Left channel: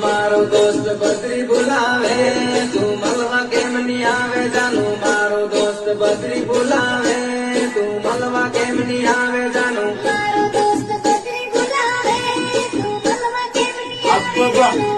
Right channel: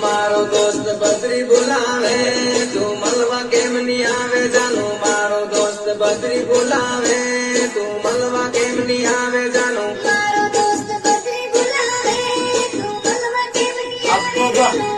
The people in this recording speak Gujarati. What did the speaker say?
મારો દોસ્ત બદ્રી બોલાવે તું મળવા કેમ ની આવે જાનું મારો દોસ્ત બદ્રી બોલાવે તું મળવા કેમ ની આવે જાનું મારો દોસ્ત બદ્રી બોલાવે તું મળવા કેમ ની આવે જાનું